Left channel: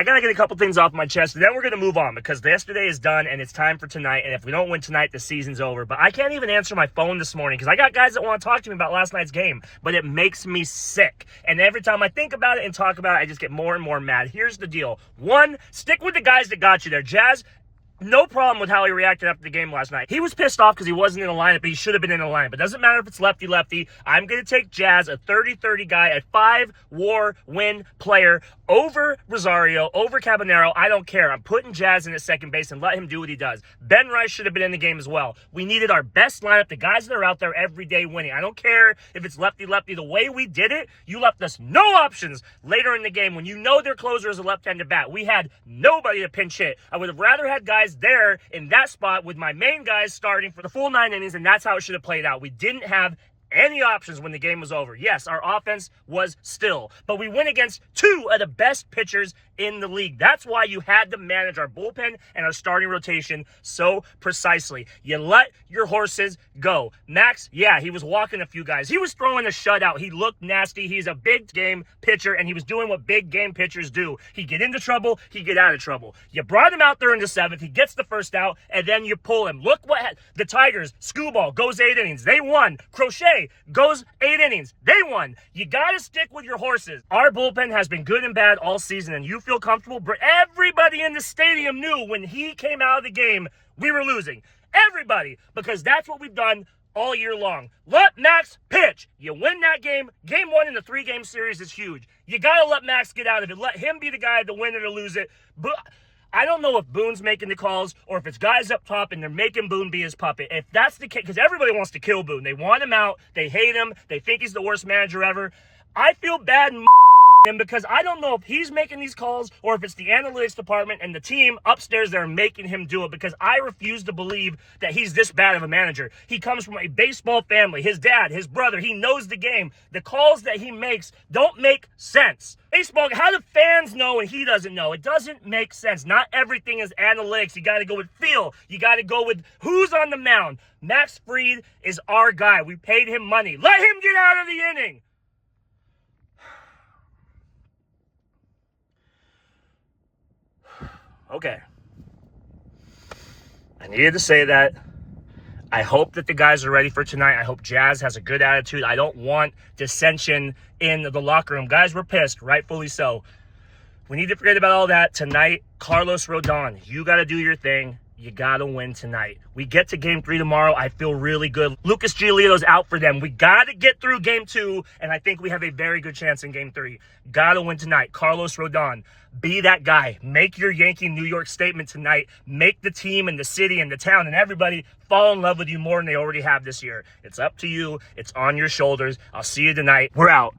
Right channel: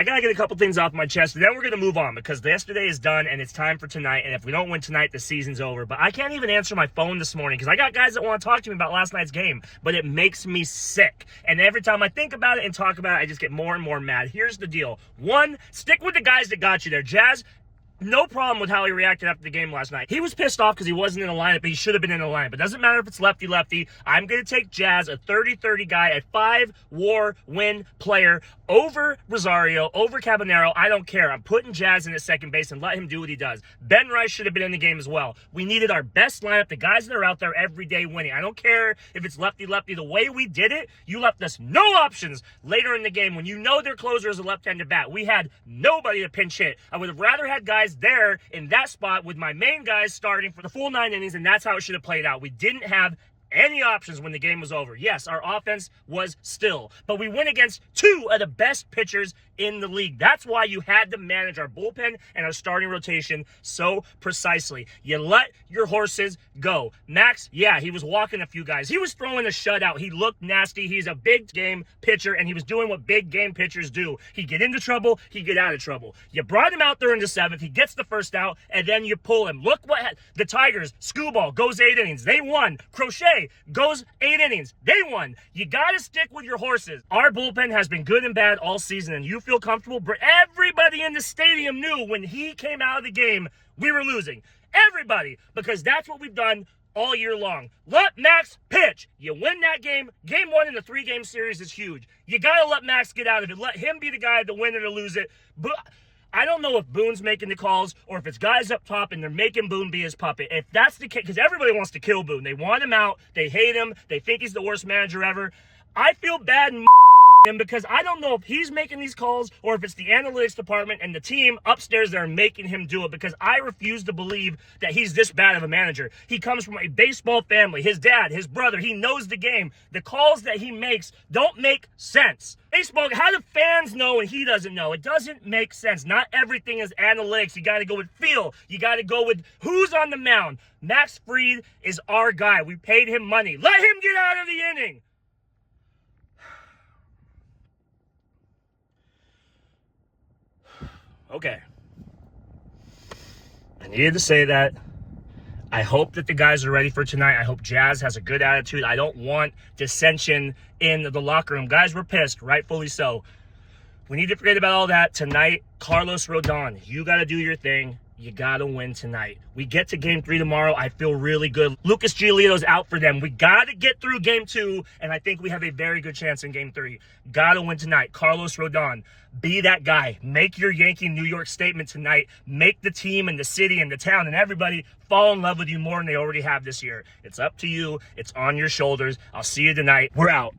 I got to get a couple things off my chest, and then we're going to move on because yesterday is done, and it's time for tonight, and if we don't win tonight, the season's over. But I can't even answer my phone this morning because I got guys that want to talk to me about last night's game, but it makes me sick. And every time I think about it and talk about it, I just get more and more mad. Here's the deal. One, stick with the guys that got you there. Jazz, no problem with how he reacted after the game last night. He was pissed off because he wasn't in the lineup, but he should have been in the lineup. It doesn't matter if it's lefty-lefty. I'm going to take Jazz, a 30-30 guy, a 5-WAR win player, over Rosario, over Cabanero. I don't care. I'm putting Jazz in at second base and let him do what he does. Ben Rice should have been in the game as well. We needed our best lineup, the guys that are out there every day winning. I don't care if it's lefty-lefty. The way we did it, you left us no options later in the game when you know their closer is a left-handed bat. We had nobody to pinch hit. I would have rather had guys there in that spot with my main guys starting for the full 9 innings, and that's how it should have played out. We didn't have any options when the game was over. Yes, our offense was still, but we went against 2 of the best pitchers in the league. That's why you had to manage our bullpen and our starting rotation so precisely. You let your horses go. Max, yeah, he was walking a few guys. He was throwing a shutout. He looked nasty. He's a big game pitcher, and he was doing what big game pitchers do. He get into trouble, he get out of trouble. You brought him out there in the 7th. He gets the first out, and then you pull him. Look what the Tigers, Skubal goes 8 innings. They won. Crochet goes 8 innings. They won. You got to stick with your horses. Our bullpen has been good and bad all season, and you feel comfortable. But everybody in the stadium knew when he came out of the game, we were losing. Everybody, because that's what we've done all year long. Let Max pitch. You win that game. Game 1 in the 3-game series is huge. You got to let Max get out of it. Let him be the guy to win it or lose it. But I don't know if Boone's making the calls or if it's guys up top and they're making Boone be his puppet. If that's the case, because everybody wants to kill Boone. They want him out. They hate him. They think he's the worst manager ever. I feel bad in him because I don't know if he's making these calls or if it's the analytics department and the team upstairs that are making him do it, because I refuse to believe that he's this bad of a manager. He comes from a baseball family. His dad, his brother, he knows the game. The calls that he makes don't make sense. Baseball, how do fans know and he doesn't know? It doesn't make sense. Not everything is analytics. You got to go with feel. You got to go with who's on the mound. Max Fried is our guy. We paid him money. Let him get out of the inning. Okay. I needed to say that. I hope that the guys are ready for tonight. I hope Jazz has a good attitude. I don't want dissension in the locker room. Guys, we're pissed, rightfully so. We need to forget about all that. Tonight, Carlos Rondon, you got to do your thing. You got to win tonight. We get to game 3 tomorrow. I feel really good. Lucas Giolito's out for them. We got to get through game 2, and I think we have a very good chance in game 3. Got to win tonight. Carlos Rondon, be that guy. Make your Yankee New York statement tonight. Make the team and the city and the town and everybody fall in love with you more than they already have this year. It's up to you. It's on your shoulders. I'll see you tonight. We're out.